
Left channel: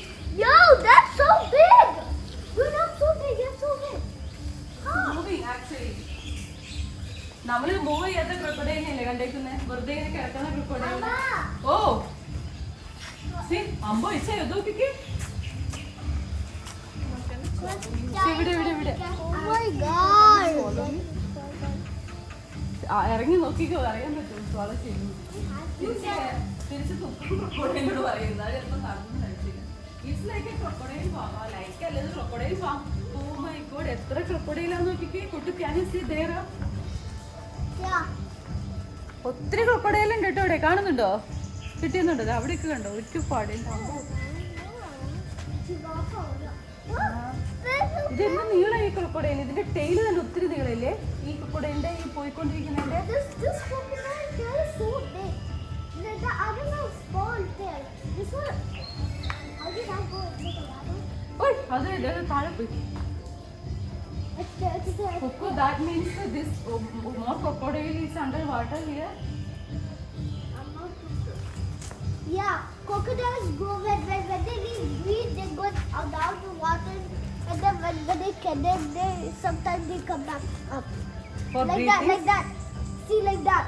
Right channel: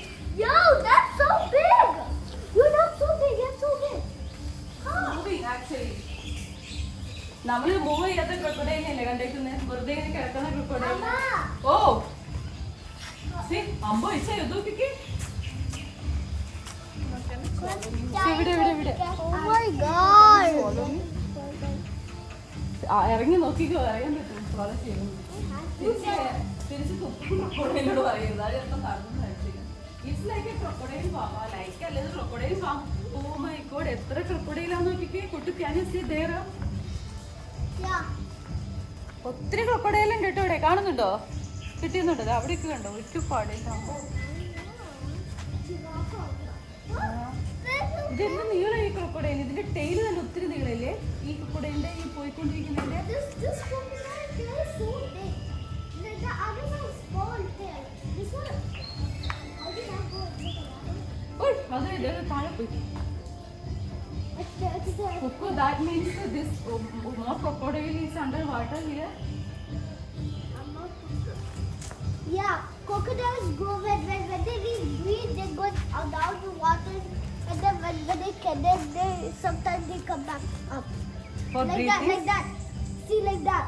Yo, that's so big. You're not so big. You're so big. Moving actually. നമ്മള് മൂവ് ചെയ്യാത്ത ക്രൊക്കഡൈലില്ലേ കണ്ടേക്കുന്നത്, വെറുതെ ഇങ്ങനെ കിടക്കുന്ന ക്രൊക്കഡൈൽ. ഓ അമ്പോ ഇച്ച നോക്കിക്കേ, ഇവിടെ ഇവിടെ ഇവിടെ Oh my god. ഇറങ്ങി നോക്കിക്കോ, അറിയാൻ പറ്റും. തിരിച്ച് ക്രൊക്കഡൈലോട് പറയുന്നത് അത് ചിലപ്പോൾ നടന്നു കഴിച്ചില്ല. It's like a crocodile farm, like അല്ലത് crocodile farm. Oh my god, എത്ര ക്രൊക്കഡൈലാന്ന് നോക്കിക്കേ. കുട്ടി can you see there? Yeah. ഒത്തിരി ക്രൊക്കഡൈൽ ഉണ്ട് കേട്ടോ ഇവിടെ, കാണുന്നുണ്ടോ? കിട്ടുന്നുണ്ടോ? അവിടെയൊക്കെ കണ്ടോ ഒരുപാട്. ഇതെന്ത് നീളം ഈ ക്രൊക്കഡൈൽ, ഇതിന്റെ ടെയിൽ തന്നെ ഒത്തിരി നീളല്ലേ ഈ ക്രൊക്കഡൈലിന്റെ ഈ പോയിക്കൊണ്ടിരിക്കുന്നതിന്റെ. This crocodile tail is so big. The other one is small tail. This one. How did I go into the water? ഓയ് അത് താഴെ പോയി. It's there. Coco, that means this more crocodile is underwater here. I'm not sure. Yeah, crocodiles go when they breathe, they go down to water, and then when they sometimes they come back up. For Like breathing? that. See, like that.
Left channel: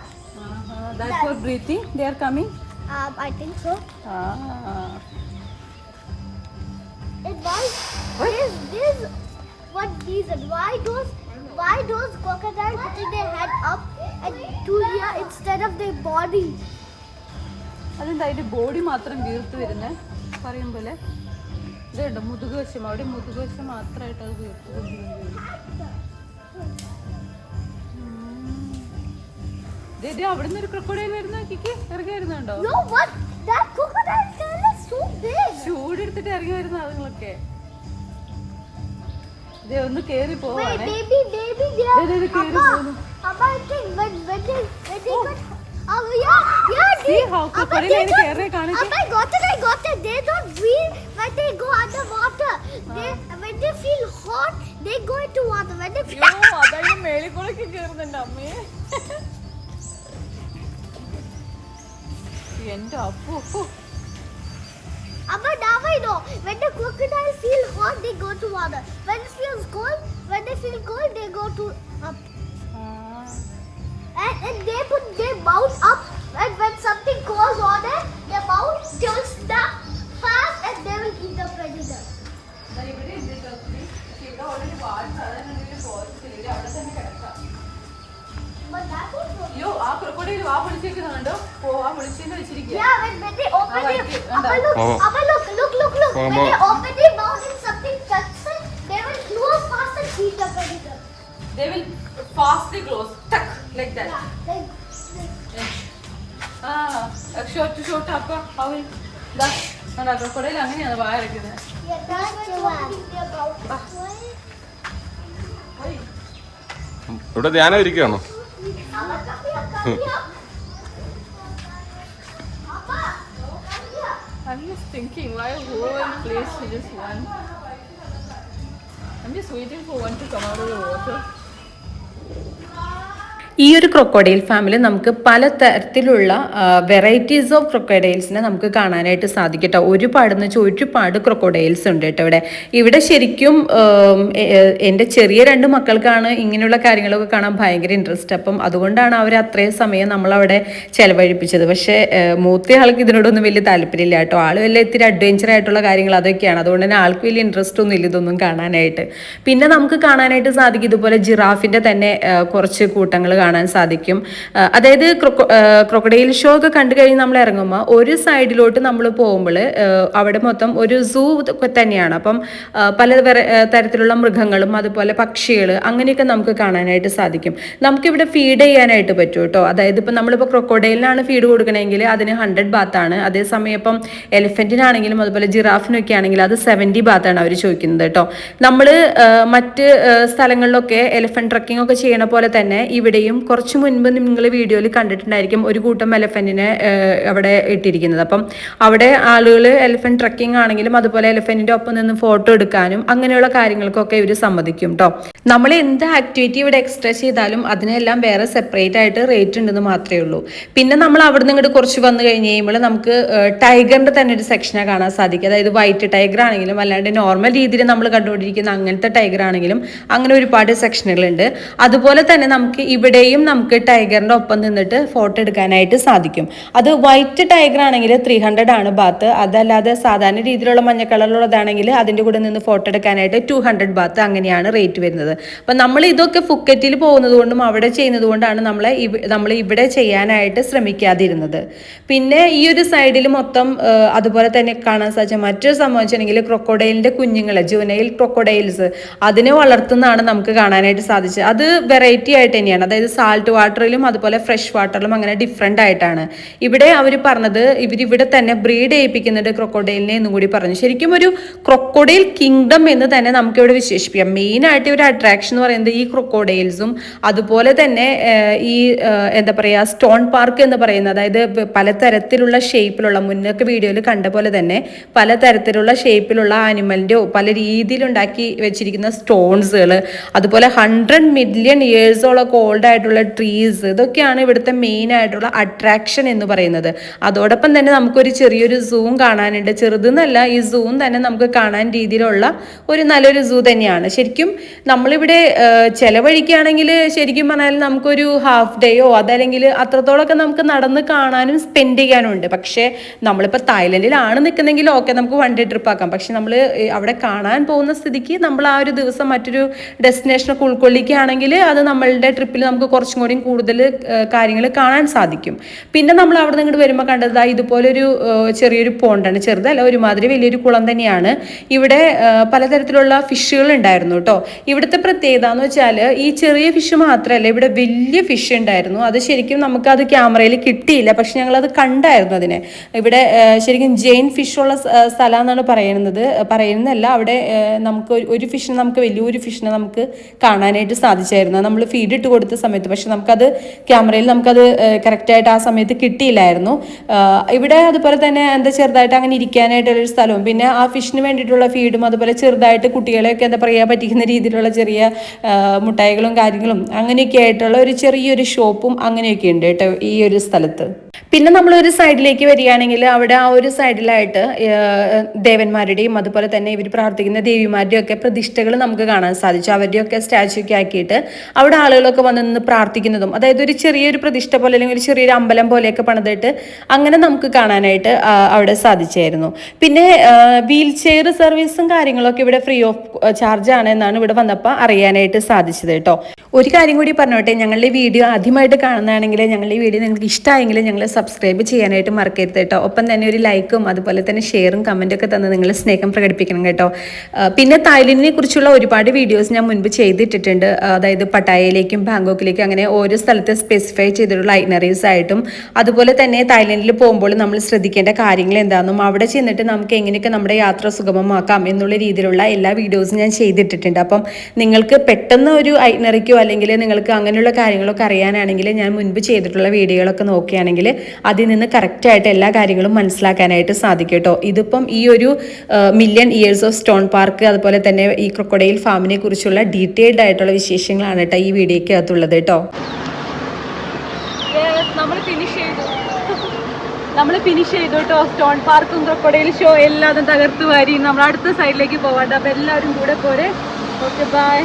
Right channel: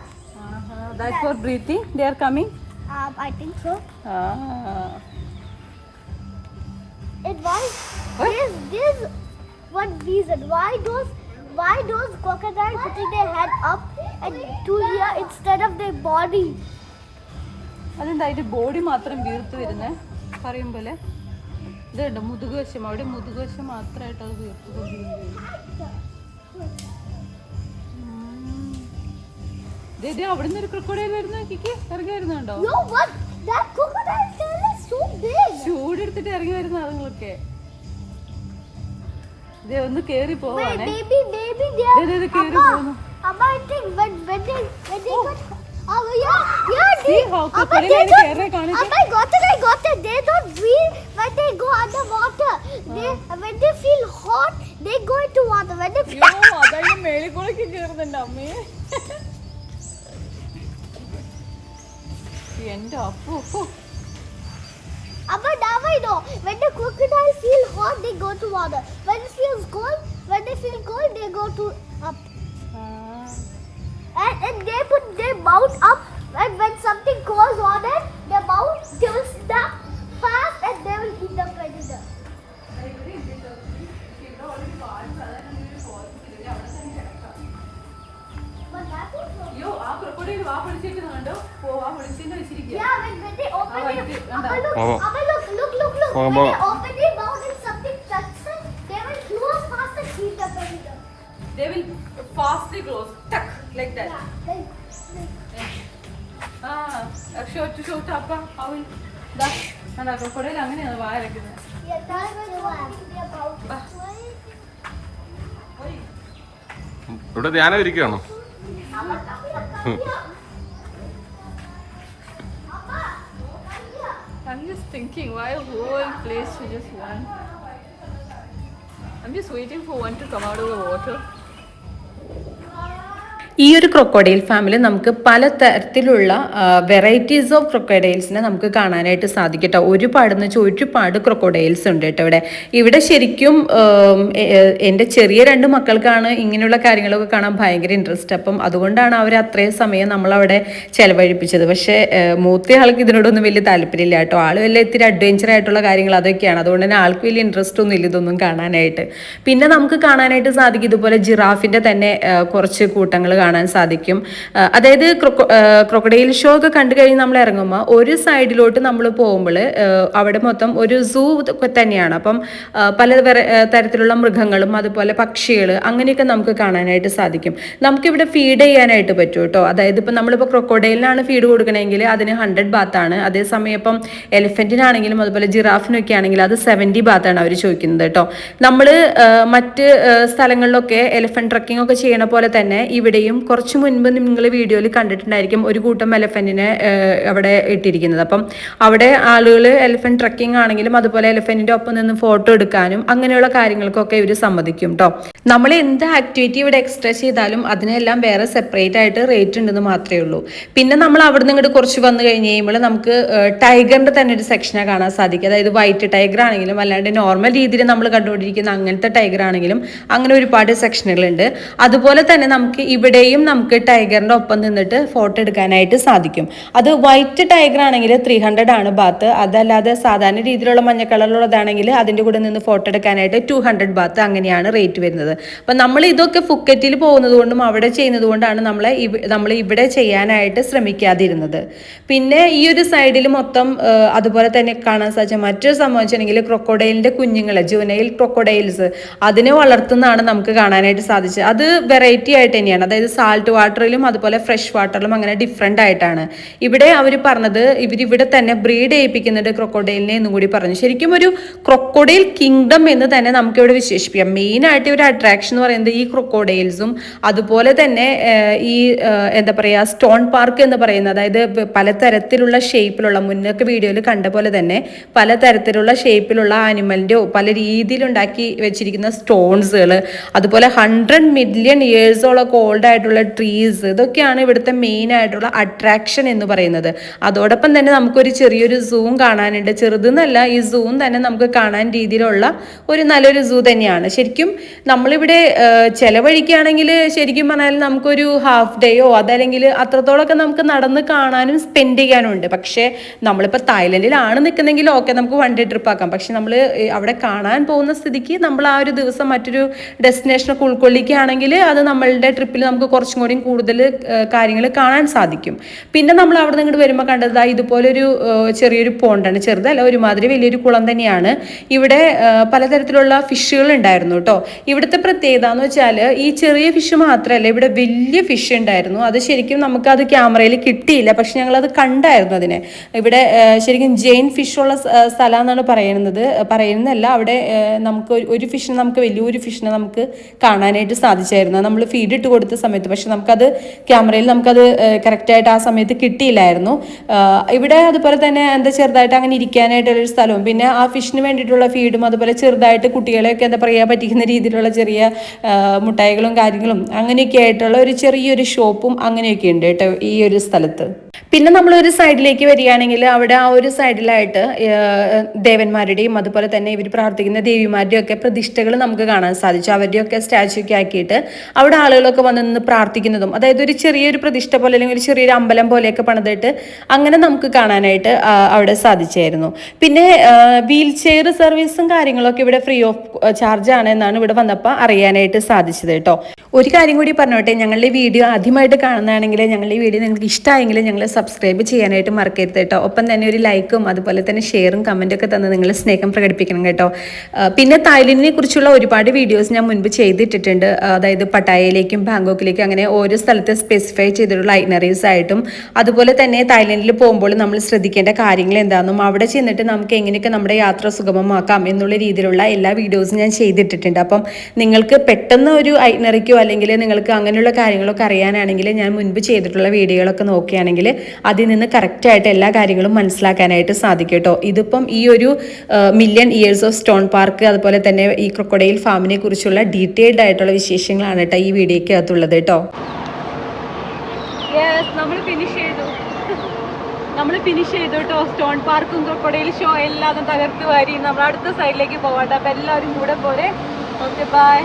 That's for breathing. They are coming. I think so. And this what reason? Why those crocodiles putting their head up and to here instead of their body? അതെന്താ അതിന്റെ ബോഡി മാത്രം വീർത്ത് വരുന്നേ പറയും പോലെ. ഇതുണ്ട് മുതുകുവശം, അവിടെ മുതുകുവശം മാത്രമായിട്ട് അത് വീർത്ത്. അവിടെ നിന്ന് ഒരു ക്രൊക്കഡൈൽ വരുന്ന ഇറങ്ങി വരുന്നുണ്ടോ? No, what? That crocodile tail is so big. ചൂടെടുത്തിട്ട് ഇറങ്ങി വരുന്ന അതുങ്ങളൊക്കെ ഒന്ന് കേറി Wait, പോവാണ്. maybe they are. കേറി പോകുന്നു. Amma, I think when they got. Oh yeah. See how crocodile is കേറി കാണിച്ചു. I got it. They don't breathe when they go underwater. When they feel hot, they go into water. When they feel. അതായത് മേളിക്കൂടൊക്കെ കേറുന്നുണ്ട് അമ്മേ. എന്റെ Appu. Amma, now I know. When the crocodiles feel hot, they go to water. When it feels cold, they go to up. And they put their mouth up. And when something goes on it, their mouth tilts down fast, and they will eat the predator. But that was so. അയ്യോ ആ ക്രൊക്കഡൈൽ വാ പൊളിച്ചേക്കുന്നുണ്ടോ? വാ പൊളിച്ചെന്ന് വെച്ചിരിക്കുക. Yeah, when they open Ah, their right, look. Come When on. they open their mouth and something touches it, they will close fast and eat the predator. They will fastly close, tuck like that. Yeah, like. Short up. How will that? And crocodile അങ്ങനെയാണ് വായ അടയ്ക്കുന്നത്. Yeah, that's what they're about. ഓയ് ഇവിടെ ധ്യാനം ഇരിക്കുകയാണോ? Amma, come here. Amma, come here. I'm just thinking why whole place is just one. I'm just waiting for one to come out of the water. ഈ ഒരു ക്രൊക്കോഡൈൽ ഫാമിൽ നമുക്ക് പല തരത്തിലുള്ള വെറൈറ്റീസ് ഓഫ് ക്രൊക്കോഡൈൽസിനെ നമുക്ക് കാണാനായിട്ട് സാധിക്കും കേട്ടോ. ഒരുപാടെന്ന് വെച്ചാൽ ഒരുപാട് ക്രൊക്കോഡൈൽസ് ഉണ്ട് കേട്ടോ ഇവിടെ ശരിക്കും എൻ്റെ ചെറിയ 2 മക്കൾക്കാണ് ഇങ്ങനെയുള്ള കാര്യങ്ങളൊക്കെ കാണാൻ ഭയങ്കര ഇൻട്രസ്റ്റ്. അപ്പം അതുകൊണ്ടാണ് അവർ അത്രയും സമയം നമ്മളവിടെ ചിലവഴിപ്പിച്ചത്. പക്ഷേ മൂത്ത ആൾക്ക് ഇതിനോടൊന്നും വലിയ താല്പര്യമില്ല കേട്ടോ. ആൾ വല്ല ഇത്തിരി അഡ്വഞ്ചർ ആയിട്ടുള്ള കാര്യങ്ങൾ അതൊക്കെയാണ്. അതുകൊണ്ട് തന്നെ ആൾക്ക് വലിയ ഇൻട്രസ്റ്റ് ഒന്നും ഇല്ല ഇതൊന്നും കാണാനായിട്ട്. പിന്നെ നമുക്ക് കാണാനായിട്ട് സാധിക്കും ഇതുപോലെ ജിറാഫിൻ്റെ തന്നെ കുറച്ച് കൂട്ടങ്ങൾ കാണാൻ സാധിക്കും. അതായത് ക്രൊക്കഡൈൽ ഷോ ഒക്കെ കണ്ടു കഴിഞ്ഞ് നമ്മൾ ഇറങ്ങുമ്പോൾ ഒരു സൈഡിലോട്ട് നമ്മൾ പോകുമ്പോൾ അവിടെ മൊത്തം ഒരു സൂ തന്നെയാണ്. അപ്പം പല തരത്തിലുള്ള മൃഗങ്ങളും അതുപോലെ പക്ഷികൾ അങ്ങനെയൊക്കെ നമുക്ക് കാണാനായിട്ട് സാധിക്കും. നമുക്കിവിടെ ഫീഡ് ചെയ്യാനായിട്ട് പറ്റും കേട്ടോ. അതായത് ഇപ്പം നമ്മളിപ്പോൾ ക്രൊക്കഡൈലിനാണ് ഫീഡ് കൊടുക്കണമെങ്കിൽ അതിന് 100 ബാത്താണ്. അതേസമയം ഇപ്പം എലിഫൻറ്റിനാണെങ്കിലും അതുപോലെ ജിറാഫിനൊക്കെ ആണെങ്കിലും അത് 70 ബാത്താണ് അവർ ചോദിക്കുന്നത് കേട്ടോ. നമ്മൾ മറ്റ് സ്ഥലങ്ങളിലൊക്കെ എലിഫൻറ്റ് ട്രക്കിംഗ് ഒക്കെ ചെയ്യണ പോലെ തന്നെ ഇവിടെയും കുറച്ച് മുൻപ് നിങ്ങൾ വീഡിയോയിൽ കണ്ടിട്ടുണ്ടായിരിക്കും ഒരു കൂട്ടം എലിഫൻറ്റിനെ അവിടെ ഇട്ടിരിക്കുന്നത്. അപ്പം അവിടെ ആളുകൾ എലിഫൻറ്റ് ട്രക്കിംഗ് ആണെങ്കിലും അതുപോലെ എലിഫൻറ്റിൻ്റെ ഒപ്പം നിന്ന് ഫോട്ടോ എടുക്കാനും അങ്ങനെയുള്ള കാര്യങ്ങൾക്കൊക്കെ ഇവർ സമ്മതിക്കും കേട്ടോ. നമ്മൾ എന്ത് ആക്ടിവിറ്റി ഇവിടെ എക്സ്ട്രാ ചെയ്താലും അതിനെല്ലാം വേറെ സെപ്പറേറ്റ് ആയിട്ട് റേറ്റ് ഉണ്ടെന്ന് മാത്രമേ ഉള്ളൂ. പിന്നെ നമ്മൾ അവിടെ നിന്ന് ഇങ്ങോട്ട് കുറച്ച് വന്നു കഴിഞ്ഞ് കഴിയുമ്പോൾ നമുക്ക് ടൈഗറിൻ്റെ തന്നെ ഒരു സെക്ഷനെ കാണാൻ സാധിക്കും. അതായത് വൈറ്റ് ടൈഗർ ആണെങ്കിലും അല്ലാണ്ട് നോർമൽ രീതിയിൽ നമ്മൾ കണ്ടുകൊണ്ടിരിക്കുന്ന അങ്ങനത്തെ ടൈഗർ ആണെങ്കിലും അങ്ങനെ ഒരുപാട് സെക്ഷനുകളുണ്ട്. അതുപോലെ തന്നെ നമുക്ക് ഇവിടെ ഇവിടെയും നമുക്ക് ടൈഗറിന്റെ ഒപ്പം നിന്നിട്ട് ഫോട്ടോ എടുക്കാനായിട്ട് സാധിക്കും. അത് വൈറ്റ് ടൈഗർ ആണെങ്കിൽ 300 ആണ് ബാത്ത്. അതല്ലാതെ സാധാരണ രീതിയിലുള്ള മഞ്ഞ കളറിലുള്ളതാണെങ്കിൽ അതിന്റെ കൂടെ നിന്ന് ഫോട്ടോ എടുക്കാനായിട്ട് 200 ബാത്ത്, അങ്ങനെയാണ് റേറ്റ് വരുന്നത്. അപ്പൊ നമ്മൾ ഇതൊക്കെ ഫുക്കറ്റിൽ പോകുന്നത് കൊണ്ടും അവിടെ ചെയ്യുന്നത് കൊണ്ടാണ് നമ്മൾ ഇവിടെ ചെയ്യാനായിട്ട് ശ്രമിക്കാതിരുന്നത്. പിന്നെ ഈ ഒരു സൈഡിൽ മൊത്തം അതുപോലെ തന്നെ കാണാൻ സാധിച്ച മറ്റൊരു സംഭവം വെച്ചിട്ടുണ്ടെങ്കിൽ ക്രൊക്കോഡൈലിന്റെ കുഞ്ഞുങ്ങളെ, ജുവനൈൽ ക്രൊക്കോഡൈൽസ്, അതിനെ വളർത്തുന്നതാണ് നമുക്ക് കാണാനായിട്ട് സാധിച്ചത്. അത് വെറൈറ്റി ആയിട്ട് തന്നെയാണ്, അതായത് സാൾട്ട് വാട്ടറിലും അതുപോലെ ഫ്രഷ് വാട്ടറിലും അങ്ങനെ ഡിഫറെൻ്റ് ആയിട്ടാണ്. ഇവിടെ അവർ പറഞ്ഞത് ഇവരിവിടെ തന്നെ ബ്രീഡ് ചെയ്യിപ്പിക്കുന്നുണ്ട് ക്രൊക്കോഡൈലിനെ എന്നും കൂടി പറഞ്ഞു. ശരിക്കും ഒരു ക്രൊക്കോഡൈൽ കിങ്ഡം എന്ന് തന്നെ നമുക്കിവിടെ വിശേഷിപ്പിക്കാം. മെയിനായിട്ട് ഒരു അട്രാക്ഷൻ എന്ന് പറയുന്നത് ഈ ക്രൊക്കോഡൈൽസും അതുപോലെ തന്നെ ഈ എന്താ പറയുക സ്റ്റോൺ പാർക്ക് എന്ന് പറയുന്നത്, അതായത് പലതരത്തിലുള്ള ഷേപ്പിലുള്ള, മുന്നൊക്കെ വീഡിയോയിൽ കണ്ട പോലെ തന്നെ പലതരത്തിലുള്ള ഷേപ്പിലുള്ള ആനിമലിൻ്റെയോ പല രീതിയിലുണ്ടാക്കി വെച്ചിരിക്കുന്ന സ്റ്റോൺസുകൾ, അതുപോലെ 100 മില്യൺ ഇയേഴ്സോളൊക്കെ ഓൾഡ് ആയിട്ടുള്ള ട്രീസ്, ഇതൊക്കെയാണ് ഇവിടുത്തെ മെയിൻ ആയിട്ടുള്ള അട്രാക്ഷൻ എന്ന് പറയുന്നത്. അതോടൊപ്പം തന്നെ നമുക്കൊരു ചെറിയൊരു സൂം കാണാനുണ്ട്. ചെറുതെന്നല്ല, ഈ സൂം തന്നെ നമുക്ക് കാണാൻ രീതിയിലുള്ള ഒരു നല്ലൊരു സൂ തന്നെയാണ്. ശരിക്കും നമ്മളിവിടെ ചെലവഴിക്കുകയാണെങ്കിൽ ശരിക്കും പറഞ്ഞാൽ നമുക്കൊരു ഹാഫ് ഡേയോ അതല്ലെങ്കിൽ അത്രത്തോളമൊക്കെ നമുക്ക് നടന്ന് കാണാനും സ്പെൻഡ് ചെയ്യാനും ഉണ്ട്. പക്ഷേ നമ്മളിപ്പോൾ തായ്ലൻഡിലാണ് നിൽക്കുന്നെങ്കിൽ ഓക്കെ, നമുക്ക് 1 ഡേ ട്രിപ്പ് ആക്കാം. പക്ഷെ നമ്മൾ അവിടെ കാണാൻ പോകുന്ന സ്ഥിതിക്ക് നമ്മൾ ആ ഒരു ദിവസം മറ്റൊരു ഡെസ്റ്റിനേഷനൊക്കെ ഉൾക്കൊള്ളിക്കുകയാണെങ്കിൽ അത് നമ്മളുടെ ട്രിപ്പിൽ നമുക്ക് കുറച്ചും കൂടി കൂടുതൽ കാര്യങ്ങൾ കാണാൻ സാധിക്കും. പിന്നെ നമ്മൾ അവിടെ നിന്ന് ഇങ്ങോട്ട് വരുമ്പോൾ കണ്ടത് ഇതുപോലൊരു ചെറിയൊരു പോണ്ടാണ്. ചെറുതല്ല, ഒരുമാതിരി വലിയൊരു കുളം തന്നെയാണ്. ഇവിടെ പലതരത്തിലുള്ള ഫിഷുകൾ ഉണ്ടായിരുന്നു കേട്ടോ. ഇവിടുത്തെ പ്രത്യേകത എന്ന് വെച്ചാൽ ഈ ചെറിയ ഫിഷ് മാത്രമല്ല, ഇവിടെ വലിയ ഫിഷ് ഉണ്ടായിരുന്നു. അത് ശരിക്കും നമുക്കത് ക്യാമറയിൽ കിട്ടിയില്ല, പക്ഷെ ഞങ്ങളത് കണ്ടായിരുന്നു അതിനെ. ഇവിടെ ശരിക്കും ജെയിൻ ഫിഷുള്ള സ്ഥലം എന്നാണ് പറയുന്നതല്ല. അവിടെ നമുക്ക് ഒരു ഫിഷിനെ, നമുക്ക് വലിയൊരു ഫിഷിനെ നമുക്ക് കാണാനായിട്ട് സാധിച്ചായിരുന്നു നമ്മൾ ഫീഡ് ഇട്ട് കൊടുത്ത സമയത്ത്. പക്ഷെ നമുക്കത് ക്യാമറയിൽ നമുക്കത് കറക്റ്റായിട്ട് ആ സമയത്ത് കിട്ടിയില്ലായിരുന്നു. ഇവിടെ അതുപോലെ തന്നെ എന്താ ചെറുതായിട്ട് അങ്ങനെ ഇരിക്കാനായിട്ടുള്ളൊരു സ്ഥലവും പിന്നെ ആ ഫിഷിന് വേണ്ടിയിട്ടുള്ള ഫീഡും അതുപോലെ ചെറുതായിട്ട് കുട്ടികളെയൊക്കെ എന്താ പറയുക പറ്റിക്കുന്ന രീതിയിലുള്ള ചെറിയ മുട്ടായികളും കാര്യങ്ങളും അങ്ങനെയൊക്കെ ആയിട്ടുള്ള ഒരു ചെറിയൊരു ഷോപ്പും അങ്ങനെയൊക്കെ ഉണ്ട് കേട്ടോ ഈ ഒരു സ്ഥലത്ത്. പിന്നെ നമ്മളൊരു സൈഡിലേക്ക് വരികയാണെങ്കിൽ അവിടെ ആ ഒരു സൈഡിലായിട്ട് ദേവന്മാരുടെയും അതുപോലെ തന്നെ ഇവർ പ്രാർത്ഥിക്കുന്ന ദേവിമാരുടെയും ഒക്കെ പ്രതിഷ്ഠകൾ നമുക്ക് കാണാൻ സാധിച്ചു. അവരുടെയൊക്കെ സ്റ്റാച്ചു ഒക്കെ ആക്കിയിട്ട് അവിടെ ആളുകളൊക്കെ വന്ന് നിന്ന് പ്രാർത്ഥിക്കുന്നതും, അതായത് ഒരു ചെറിയൊരു പ്രതിഷ്ഠ പോലെ അല്ലെങ്കിൽ ഒരു ചെറിയൊരു അമ്പലം പോലെയൊക്കെ പണിതിട്ട് അങ്ങനെ നമുക്ക് കാണാനായിട്ട് അവിടെ സാധിച്ചായിരുന്നു. പിന്നെ വീൽ ചെയർ സർവീസും കാര്യങ്ങളൊക്കെ ഇവിടെ ഫ്രീ ഓഫ് ചാർജ് ആണ് എന്നാണ് ഇവിടെ വന്നപ്പോൾ അറിയാനായിട്ട് സാധിച്ചത് കേട്ടോ. ഒരു കാര്യം കൂടി പറഞ്ഞോട്ടെ, ഞങ്ങളുടെ വീഡിയോ ആദ്യമായിട്ട് കാണുന്നതാണെങ്കിൽ ഞങ്ങളുടെ വീഡിയോ നിങ്ങൾക്ക് ഇഷ്ടമായെങ്കിൽ ഞങ്ങൾ സബ്സ്ക്രൈബ് ചെയ്യാനായിട്ട് മറക്കരുത് കേട്ടോ. ഒപ്പം തന്നെ ഒരു ലൈക്കും അതുപോലെ തന്നെ ഷെയറും കമൻറ്റും ഒക്കെ തന്ന് നിങ്ങൾ സ്നേഹം പ്രകടിപ്പിക്കണം കേട്ടോ. പിന്നെ തായ്ലൻഡിനെ കുറിച്ചുള്ള ഒരുപാട് വീഡിയോസ് ഞാൻ മുൻപ് ചെയ്തിട്ടിട്ടുണ്ട്. അതായത് പട്ടായയിലേക്കും ബാങ്കോക്കിലേക്കും അങ്ങനെ ഓരോ സ്ഥലത്ത് സ്പെസിഫൈ ചെയ്തിട്ടുള്ള ഐറ്റിനറീസ് ആയിട്ടും അതുപോലെ തന്നെ തായ്ലൻഡിൽ പോകുമ്പോൾ നമ്മൾ ശ്രദ്ധിക്കേണ്ട കാര്യങ്ങൾ എന്താണെന്നും അവിടെ ചെന്നിട്ട് നമുക്ക് എങ്ങനെയൊക്കെ നമ്മുടെ യാത്ര സുഗമമാക്കാം എന്നുള്ള രീതിയിലുള്ള എല്ലാ വീഡിയോസും ഞാൻ ചെയ്തിട്ടിട്ടുണ്ട്. അപ്പം നിങ്ങൾക്ക് പെട്ടെന്ന് ഒരു ഐറ്റിനറിക്കോ അല്ലെങ്കിൽ നിങ്ങൾക്ക് അങ്ങനെയുള്ള കാര്യങ്ങളൊക്കെ അറിയാനാണെങ്കിൽ ഞാൻ മുൻപ് ചെയ്തിട്ടുള്ള വീഡിയോകളൊക്കെ നോക്കുകയാണെങ്കിൽ അതിൽ നിന്ന് കറക്റ്റായിട്ട് എല്ലാ കാര്യങ്ങളും മനസ്സിലാക്കാനായിട്ട് സാധിക്കും കേട്ടോ. ഇതിപ്പം ഈ ഒരു million years of stone park അതുപോലെ തന്നെ ഈ ക്രൊക്കോഡൈൽ ഫാമിനെ കുറിച്ചുള്ള ഡീറ്റെയിൽഡ് ആയിട്ടുള്ള വിശേഷങ്ങളാണ് കേട്ടോ ഈ വീഡിയോയ്ക്ക് അകത്തുള്ളത് കേട്ടോ. നമ്മൾ ഫിനിഷ് ചെയ്തു കേട്ടോ. സ്റ്റോൺ പാർക്കും ക്രൊക്കോഡൈൽ ഷോ എല്ലാം തകർത്ത് വാരി നമ്മൾ അടുത്ത സൈഡിലേക്ക് പോകണ്ട. അപ്പം എല്ലാവരും കൂടെ പോരെ. Okay, bye.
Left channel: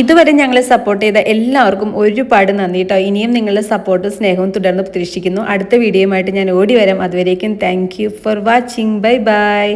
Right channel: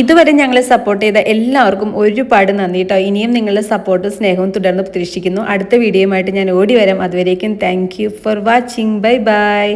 ഇതുവരെ ഞങ്ങളെ സപ്പോർട്ട് ചെയ്ത എല്ലാവർക്കും ഒരുപാട് നന്ദി കേട്ടോ. ഇനിയും നിങ്ങളുടെ സപ്പോർട്ടും സ്നേഹവും തുടർന്ന് പ്രതീക്ഷിക്കുന്നു. അടുത്ത വീഡിയോയുമായിട്ട് ഞാൻ ഓടി വരാം. അതുവരേക്കും thank you for watching. Bye bye.